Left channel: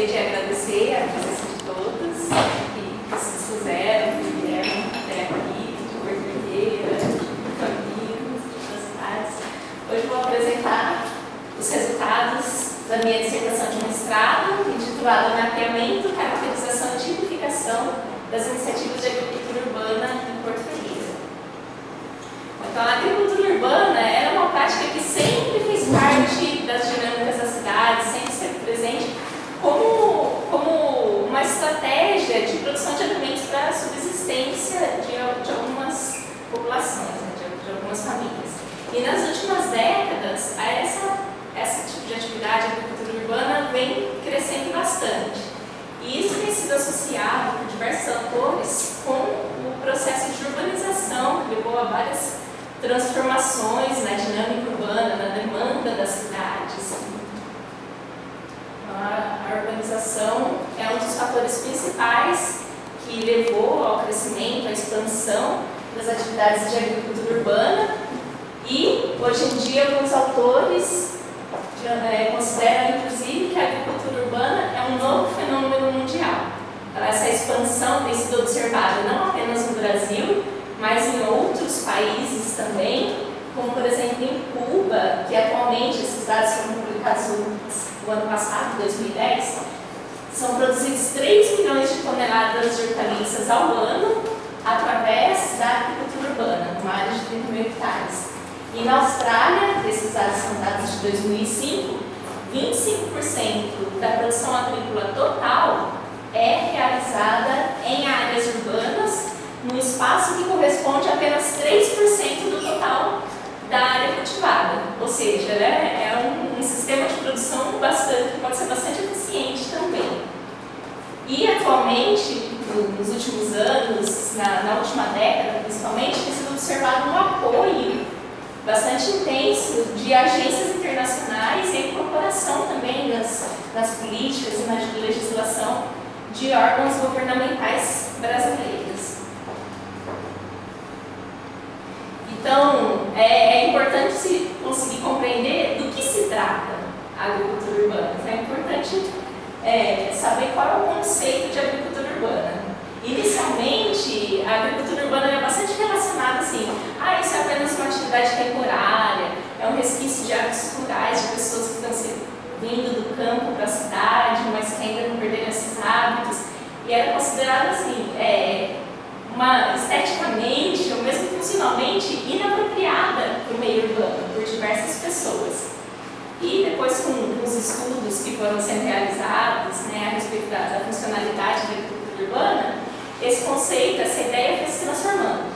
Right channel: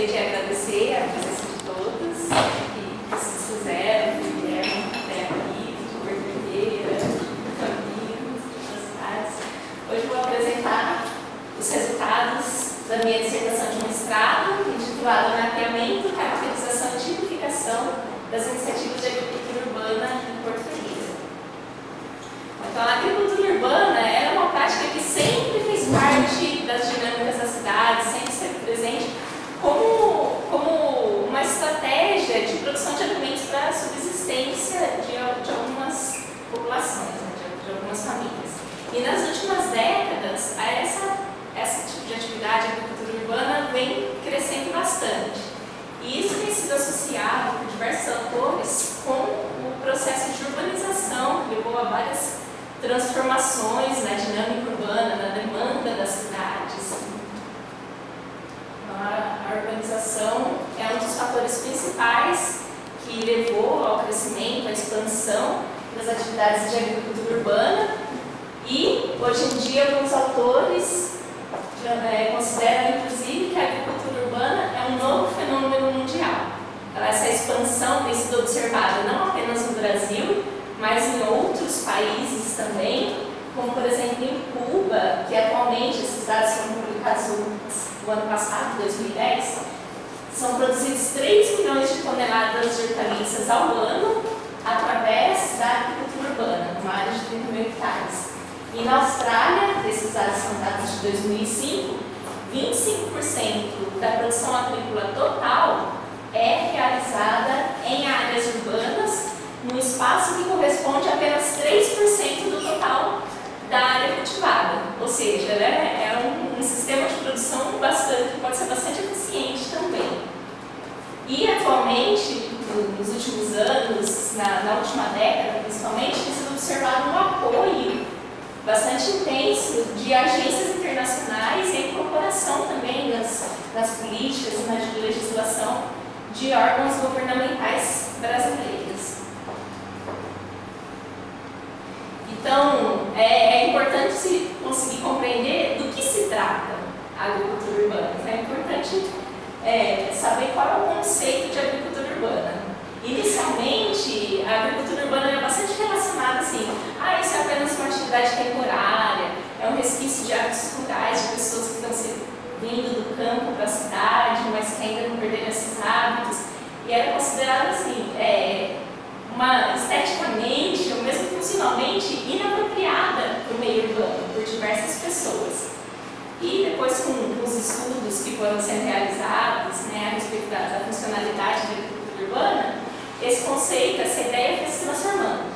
gostaria de agradecer a presença de todos que se fizeram, que vieram até aqui, de Porto Ferreira, de Campinas, de outras cidades. Hoje vou apresentar os resultados da minha dissertação de mestrado, intitulada Mapeamento, Caracterização e Tipificação das Iniciativas de Agricultura Urbana em Porto Ferreira. Então, a agricultura urbana era uma prática que sempre fez parte das dinâmicas da cidade, sempre esteve presente como uma estratégia de produção de alimentos para a subsistência de algumas populações, de algumas famílias. E nas últimas décadas, esse tipo de atividade, a agricultura urbana, vem crescendo bastante. E isso tem sido associado por diversos autores com o processo de urbanização, que levou a várias transformações na dinâmica urbana, na demanda das cidades. A urbanização é um dos fatores principais que levou ao crescimento, à expansão das atividades de agricultura urbana, e hoje em dia alguns autores consideram inclusive que a agricultura urbana é um novo fenômeno mundial. Então, essa expansão tem sido observada não apenas no Brasil, mas em outros países também, como por exemplo em Cuba, que atualmente esses dados foram publicados no ano passado, 2010, são produzidos 3 milhões de toneladas de hortaliças ao ano através da agricultura urbana, numa área de 30 mil hectares. E na Austrália, esses dados são dados de 2005, 25% da produção agrícola total é realizada em áreas urbanas, num espaço que corresponde a apenas 3% do total da área cultivada. Ou seja, é um sistema de produção que pode ser bastante eficiente também. E atualmente, nos últimos anos, na última década principalmente, tem sido observado um apoio bastante intenso de agências internacionais e a incorporação também das políticas e na legislação de órgãos governamentais brasileiros. Então, é importante se conseguir compreender do que se trata a agricultura urbana. Então, é importante saber qual é o conceito de agricultura urbana. Inicialmente, a agricultura urbana é bastante relacionada assim, isso é apenas uma atividade temporária, é um resquício de hábitos rurais, de pessoas que estão vindo do campo para a cidade, mas que ainda não perderam esses hábitos. E era considerado assim, esteticamente ou mesmo funcionalmente inapropriada para o meio urbano, por diversas pessoas. E depois, com os estudos que foram sendo realizados a respeito da funcionalidade da agricultura urbana, esse conceito, essa ideia foi se transformando.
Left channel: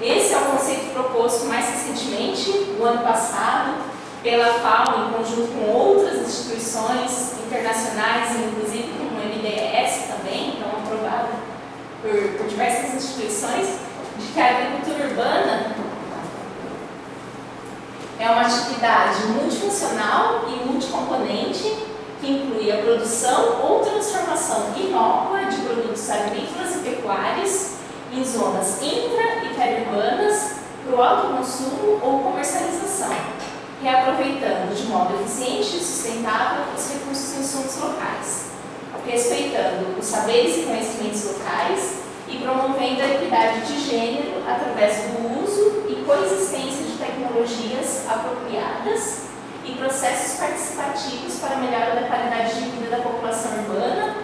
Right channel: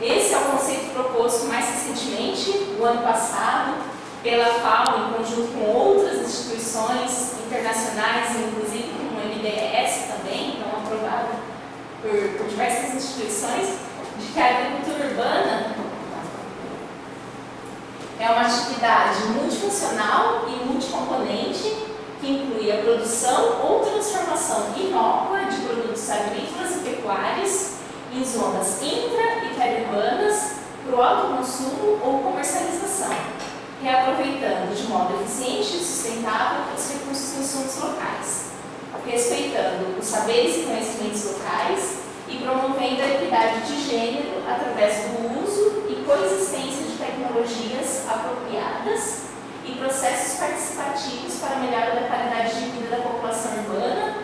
Esse é o conceito proposto mais recentemente, no ano passado, pela FAO, em conjunto com outras instituições internacionais, inclusive como o MDS também, então aprovado por diversas instituições, de que a agricultura urbana é uma atividade multifuncional e multicomponente que inclui a produção ou transformação inócua de produtos agrícolas e pecuários em zonas intra- e periurbanas para o autoconsumo ou comercialização, reaproveitando de modo eficiente e sustentável os recursos e insumos locais, respeitando os saberes e conhecimentos locais e promovendo a equidade de gênero através do uso e coexistência de tecnologias apropriadas e processos participativos para a melhora da qualidade de vida da população urbana,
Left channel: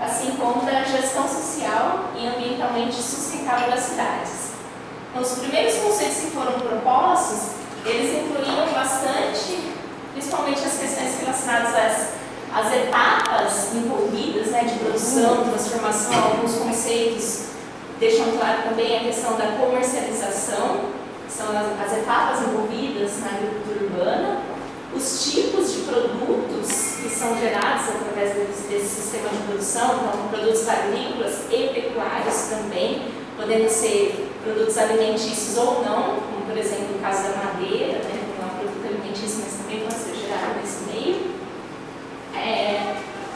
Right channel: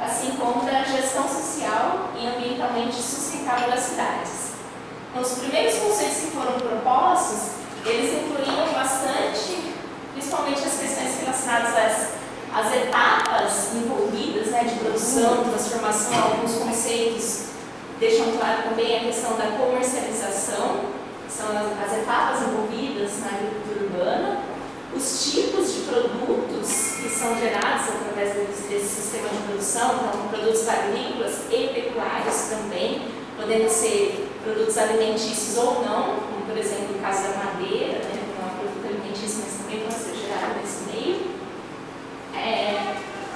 assim como da gestão social e ambientalmente sustentável das cidades. Então, os primeiros conceitos que foram propostos, eles incluíam bastante, principalmente as questões relacionadas às etapas envolvidas de produção, transformação. Alguns conceitos deixam claro também a questão da comercialização, que são as etapas envolvidas na agricultura urbana, os tipos de produtos que são gerados através desse sistema de produção, então produtos agrícolas e pecuários também, podendo ser produtos alimentícios ou não, como por exemplo o caso da madeira, que não é um produto alimentício, mas também pode ser gerado nesse meio.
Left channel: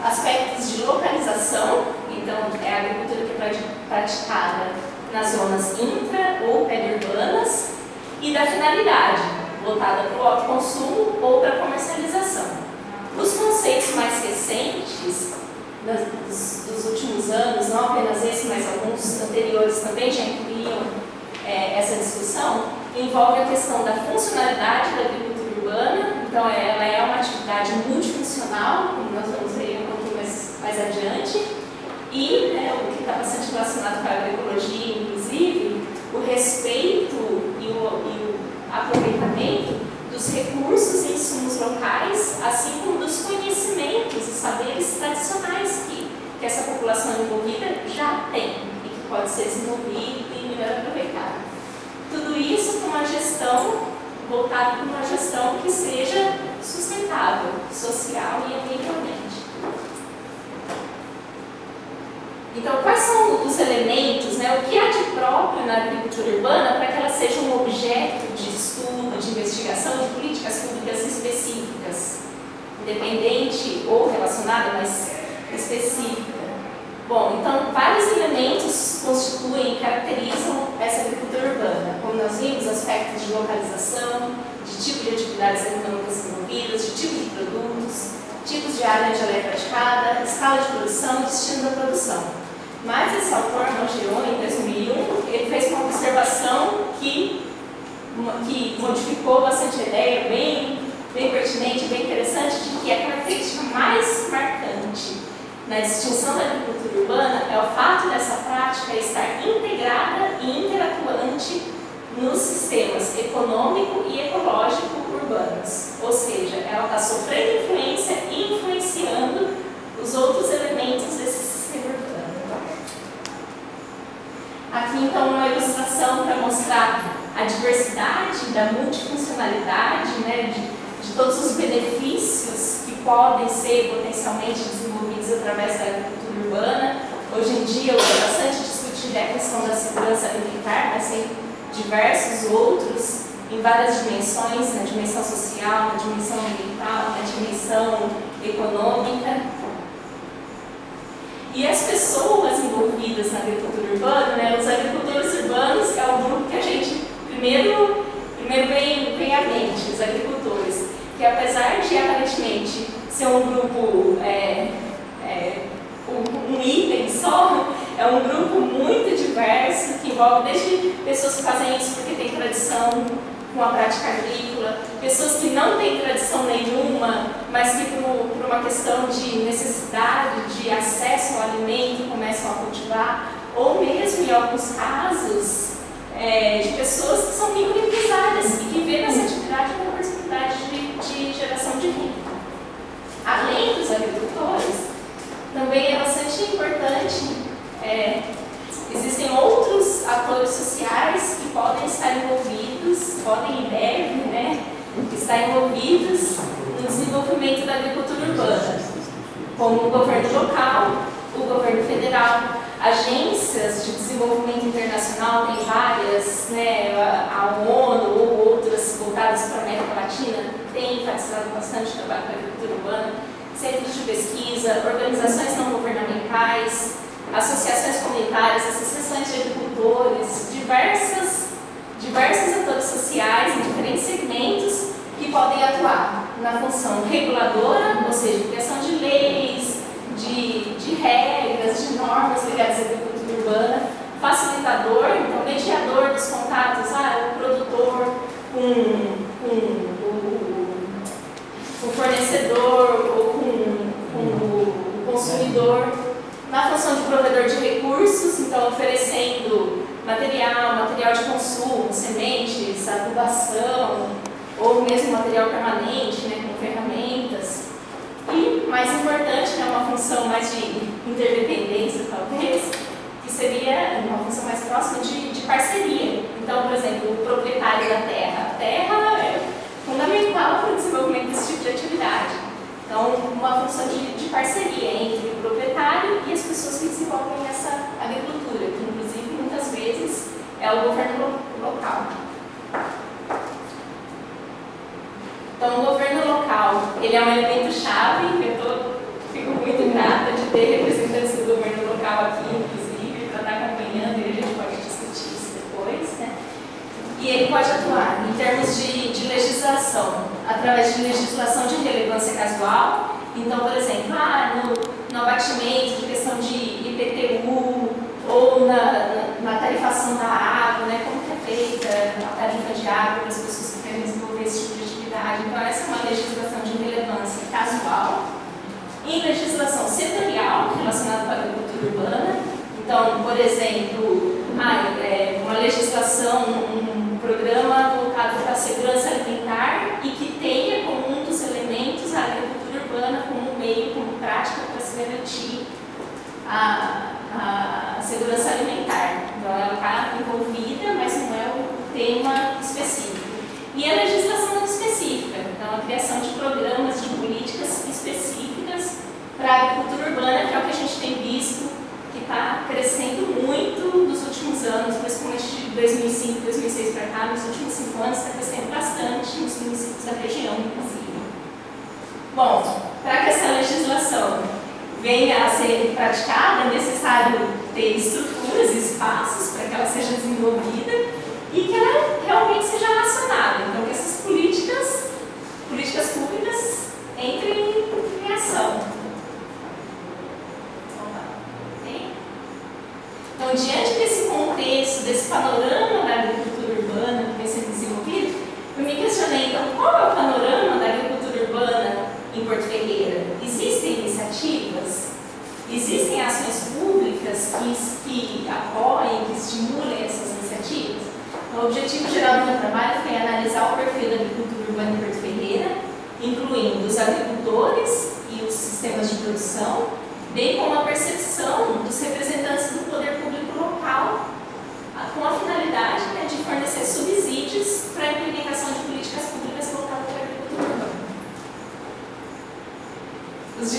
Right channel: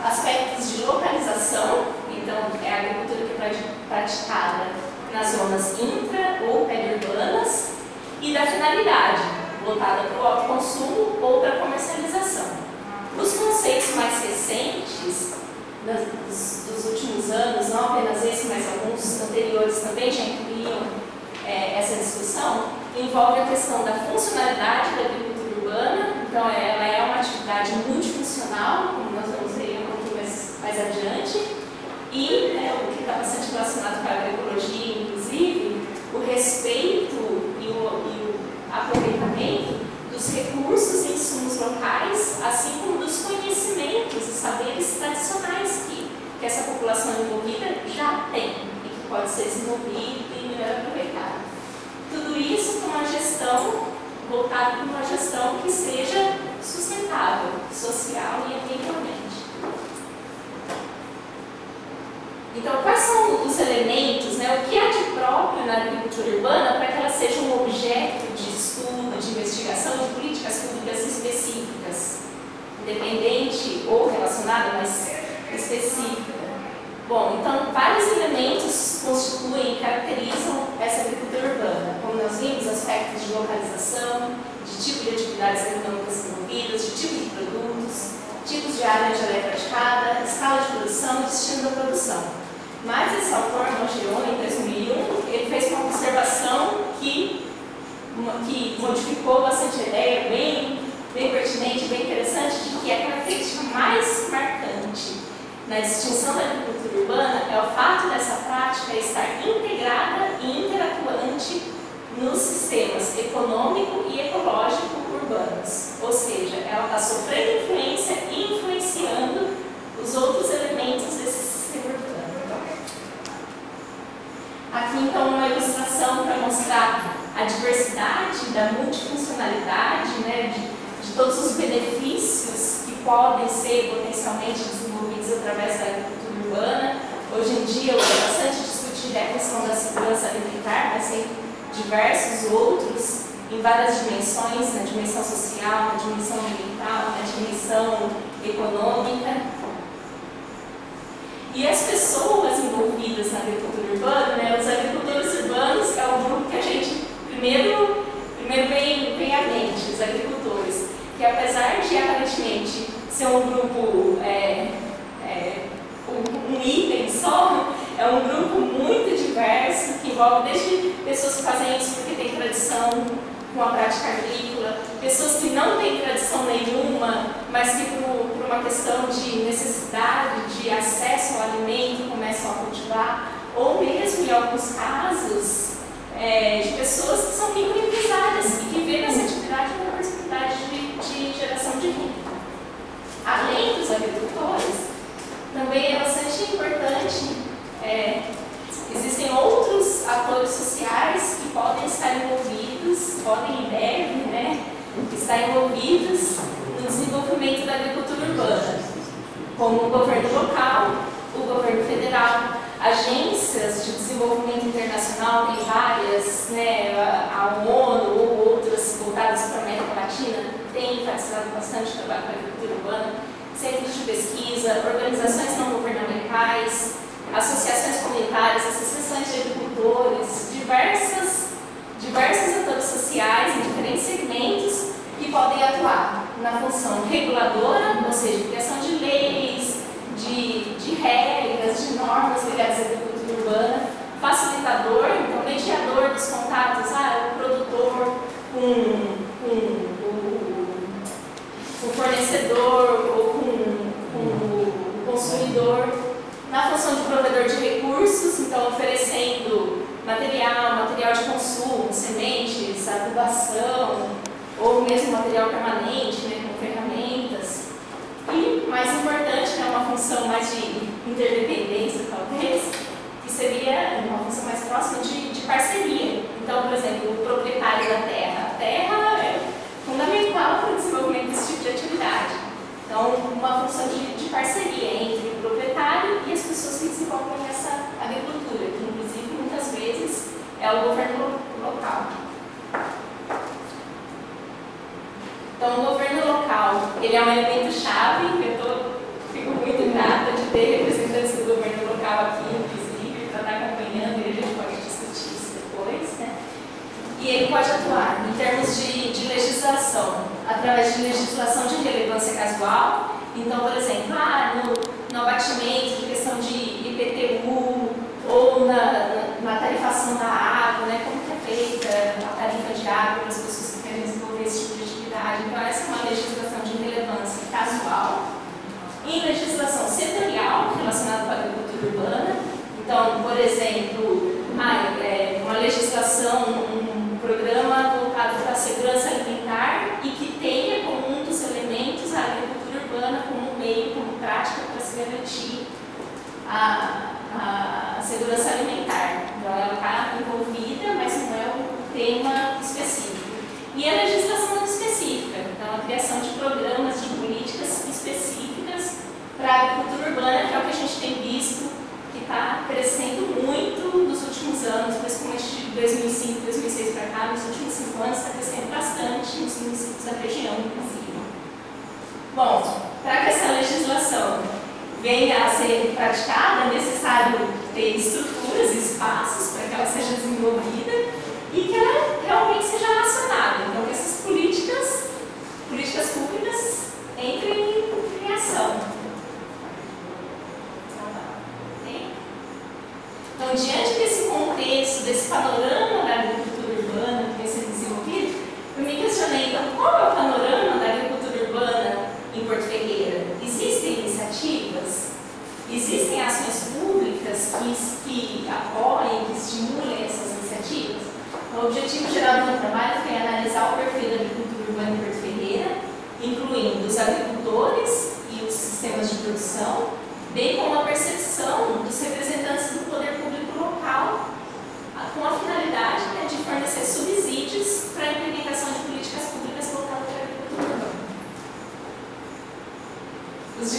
Aspectos de localização, então é a agricultura que é praticada nas zonas intra- ou periurbanas, e da finalidade, voltada para o autoconsumo ou para a comercialização. Os conceitos mais recentes dos últimos anos, não apenas esse, mas alguns anteriores também já incluíam essa discussão, envolve a questão da funcionalidade da agricultura urbana. Então, ela é uma atividade multifuncional, como nós vamos ver um pouquinho mais adiante, e o que está bastante relacionado com a agroecologia, inclusive, o respeito e o aproveitamento dos recursos e insumos locais, assim como dos conhecimentos e saberes tradicionais que essa população envolvida já tem e que pode ser desenvolvido e melhor aproveitado. Tudo isso com uma gestão voltada para uma gestão que seja sustentável, social e ambientalmente. Então, quais são os elementos, o que há de próprio na agricultura urbana para que ela seja um objeto de estudo, de investigação de políticas públicas específicas, independente ou relacionada, mas específica? Bom, então, vários elementos constituem e caracterizam essa agricultura urbana, como nós vimos, aspectos de localização, de tipo de atividades econômicas envolvidas, de tipo de produtos, tipos de área onde ela é praticada, escala de produção e destino da produção. Mas esse autor, Mangione, em 2001, ele fez uma observação que modificou bastante a ideia, bem pertinente, bem interessante, de que a característica mais marcante na distinção da agricultura urbana é o fato dessa prática estar integrada e interatuante nos sistemas econômico e ecológico urbanos. Ou seja, ela está sofrendo influência e influenciando os outros elementos desse sistema urbano. Aqui, então, uma ilustração para mostrar a diversidade da multifuncionalidade, de todos os benefícios que podem ser potencialmente desenvolvidos através da agricultura urbana. Hoje em dia, eu gosto bastante de discutir a questão da segurança alimentar, mas tem diversos outros em várias dimensões, na dimensão social, na dimensão ambiental, na dimensão econômica. E as pessoas envolvidas na agricultura urbana, os agricultores urbanos, é o grupo que a gente primeiro vem à mente, os agricultores, que apesar de aparentemente ser um grupo, um item só, é um grupo muito diverso, que envolve desde pessoas que fazem isso porque tem tradição com a prática agrícola, pessoas que não têm tradição nenhuma, mas que por uma questão de necessidade, de acesso ao alimento, começam a cultivar, ou mesmo, em alguns casos, de pessoas que são microempresárias e que vêem nessa atividade uma possibilidade de geração de renda. Além dos agricultores, também é bastante importante, existem outros atores sociais que podem estar envolvidos, podem e devem, estar envolvidos no desenvolvimento da agricultura urbana, como o governo local, o governo federal, agências de desenvolvimento internacional, tem várias, a ONU ou outras voltadas para a América Latina, tem enfatizado bastante o trabalho com a agricultura urbana, centros de pesquisa, organizações não governamentais, associações comunitárias, associações de agricultores, diversos atores sociais em diferentes segmentos que podem atuar na função reguladora, ou seja, criação de leis, de regras, de normas ligadas à agricultura urbana, facilitador, então mediador dos contatos, o produtor com o fornecedor ou com o consumidor, na função de provedor de recursos, então oferecendo material de consumo, sementes, adubação, ou mesmo material permanente, com ferramentas. E, mais importante, uma função mais de interdependência, talvez, que seria uma função mais próxima de parceria. Então, por exemplo, o proprietário da terra. A terra é fundamental para o desenvolvimento desse tipo de atividade. Então, uma função de parceria entre o proprietário e as pessoas que desenvolvem essa agricultura, que, inclusive, muitas vezes é o governo local. Então, o governo local, ele é um elemento-chave, eu fico muito grata de ter representantes do governo local aqui, inclusive, para estar acompanhando, e a gente pode discutir isso depois, E ele pode atuar em termos de legislação, através de legislação de relevância casual. Então, por exemplo, no abatimento Então, por exemplo, uma legislação, um programa voltado para a segurança alimentar e que tenha como um dos elementos a agricultura urbana como meio, como prática para se garantir a segurança alimentar. Então, ela está envolvida, mas não é o tema específico. E a legislação não específica, então a criação de programas, de políticas específicas para a agricultura urbana, que é o que a gente tem visto que está crescendo muito nos últimos anos, principalmente de 2005, 2006 para cá, nos últimos 5 anos está crescendo bastante nos municípios da região, inclusive. Bom, para que essa legislação venha a ser praticada, é necessário ter estruturas e espaços para que ela seja desenvolvida e que ela realmente seja acionada. Então, que essas políticas públicas entrem em ação. Então, diante desse contexto, desse panorama da agricultura urbana que vem sendo desenvolvido, eu me questionei, então, qual é o panorama da agricultura urbana em Porto Ferreira? Existem iniciativas? Existem ações públicas que apoiem, que estimulem essas iniciativas? O objetivo geral do meu trabalho foi analisar o perfil da agricultura urbana em Porto Ferreira, incluindo os agricultores e os sistemas de produção, bem como a percepção dos representantes do poder público local, com a finalidade de fornecer subsídios para a implementação de políticas públicas voltadas para a agricultura urbana. Os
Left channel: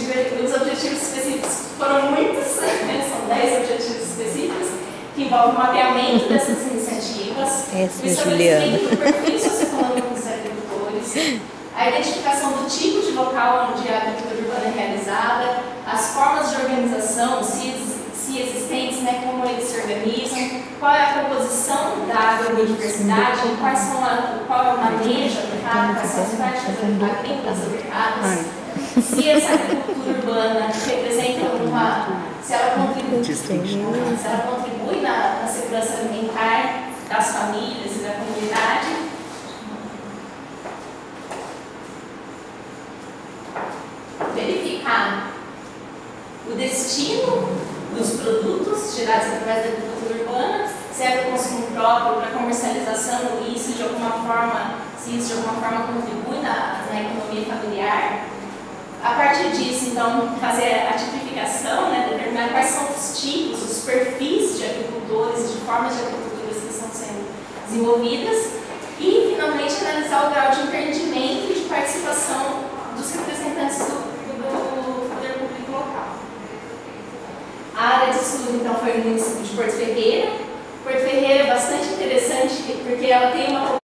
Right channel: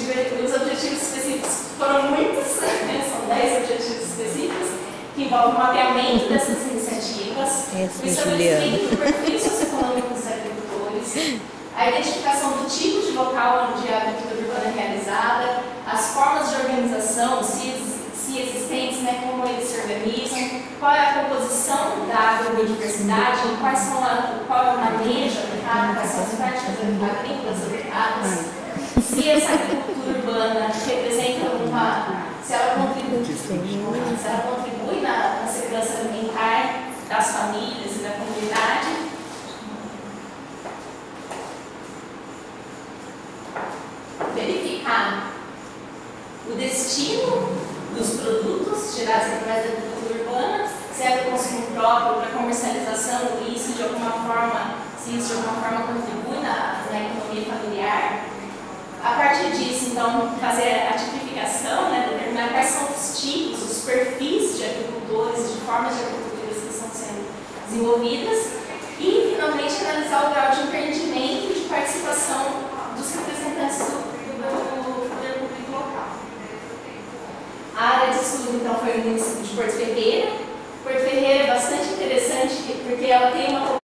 objetivos específicos foram muitos, são 10 objetivos específicos, que envolvem o mapeamento dessas iniciativas, o estabelecimento do perfil socioeconômico dos agricultores, a identificação do tipo de local onde a agricultura urbana é realizada, as formas de organização, se existentes, como eles se organizam, qual é a composição da agrobiodiversidade, qual é o manejo adequado, quais são as práticas agrícolas adequadas, se essa agricultura urbana representa se ela contribui na segurança alimentar das famílias e da comunidade. Verificar o destino dos produtos gerados através da agricultura urbana, se é para o consumo próprio, para comercialização, e isso de alguma forma, contribui na economia familiar. A partir disso, então, fazer a tipificação, determinar quais são os tipos, os perfis de agricultores, de formas de agriculturas que estão sendo desenvolvidas e, finalmente, analisar o grau de empreendimento e de participação dos representantes do poder público local. A área de estudo, então, foi no município de Porto Ferreira. Porto Ferreira é bastante interessante porque ela tem uma